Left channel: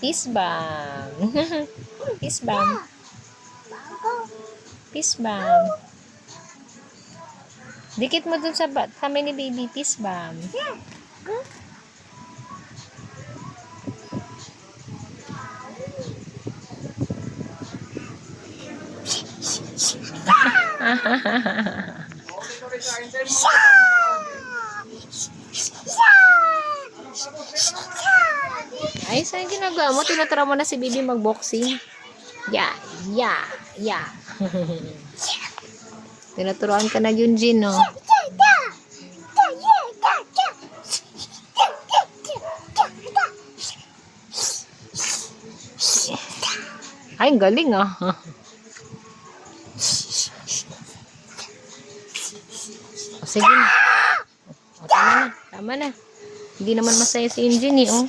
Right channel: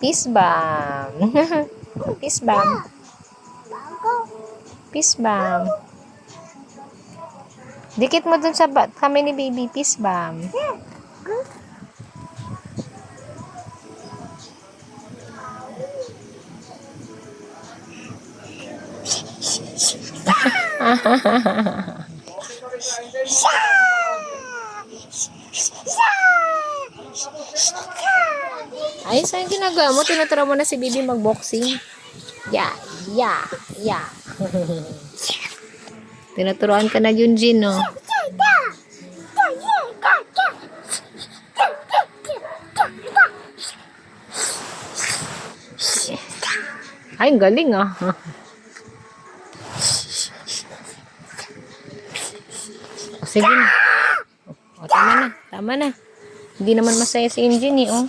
Peace bomb. Peace bomb. Peace bomb. Dikit mo dun sa kamay ni baby. Peace bomb. Ay, saan ginagawa mo? Tinatara mo na si baby mag-boxing. Yeah. Tinuturuan ka na Junjin, no? Ay, ang galing, ah. Sige na. O, tama na. Hindi naman masaya si Junjin, eh, oh.